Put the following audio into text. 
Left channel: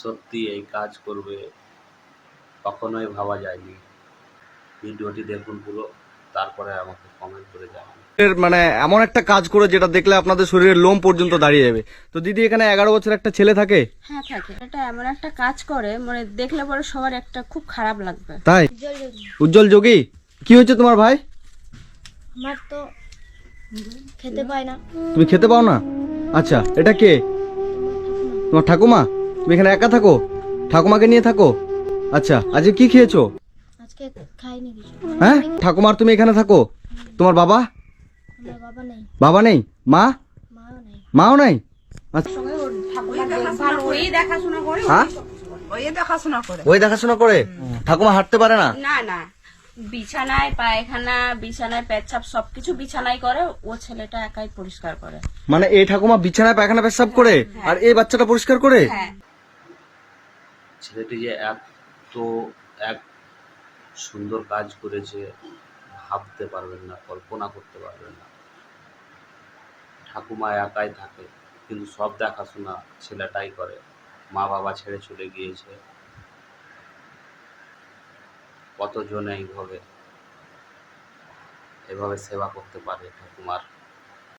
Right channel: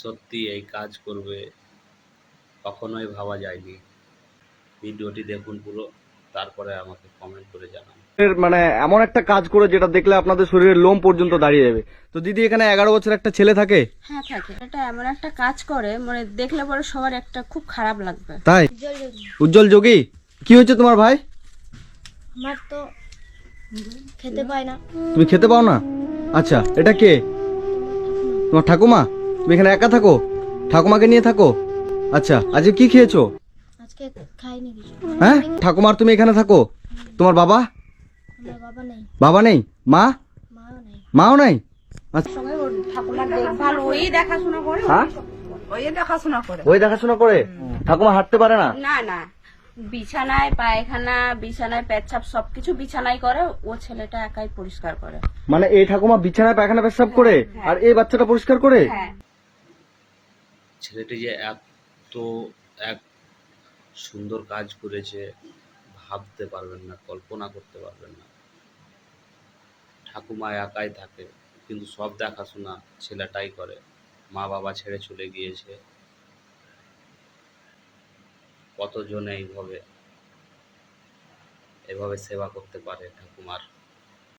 সত্যি এই কাজ করবে কখনোই ভাবা যায়নি। ভিডিওটি দেখুন পুরো, তারপরে আমাকে কমেন্ট করে জানান। মানে এমন একটা কাজ করে যেটা দেখলে আপনাদের শরীরের লোম পর্যন্ত দাঁড়িয়ে যাবে। তো দিদি, এখানে 11 বছর একটা ছেলে থাকে? হ্যাঁ থাকে। এটা এমন একটা কাজ করে মানে দেখলে পরে সবার একটা খুব খারাপ লাগবে। তাই? উজ্জ্বল যোগী, কি হয়েছে তোমার ভাই? আমার তো খেতে পায় না। তুমি খেতে পাও না? আচ্ছা, এটা কে? তোমার ঠাকুমা? তুমি এখানে একা থাকো? ঠাকুমাকে নিয়ে থাকো? আচ্ছা, আজকে কি খেয়েছো? আজকে খাইনি কিছু। হ্যাঁ, ঠাকুমার তুমি এখানে থাকো? তোমার বাবা? আমার বাবা নেই, বাবা নেই? মা? মাও নেই। মাও নাই? আচ্ছা, ওই দেখাশোনা করে, হ্যাঁ, ওই দেখাশোনা করে। ওই দেখাশোনা করে? ঠাকুমা হাঁটতে পারে না? না না, বিছানায় পায়খানা, বিছানায় পেচ্ছাপ সবকিছু বিছানায় করে, ও ছেলেটা একাই পরিষ্কার করে। মানে এই ঠাকুমা বিছানায় পায়খানা পেশাব করে আর এই বাচ্চাটা পরিষ্কার করে? হ্যাঁ। ছেলেটি যে এত এক সুন্দর কাজ করেছে ভাবতে পারবেন না, কল্পনা করতে পারবেন না। ঠাকুমা একাই থাকে, কিন্তু সব দেখাশোনা ছেলেটাই করে। মা বাবা ছেড়ে চলে গিয়েছে। কতজন এভাবে সেবা করতে পারে ঠাকুমার।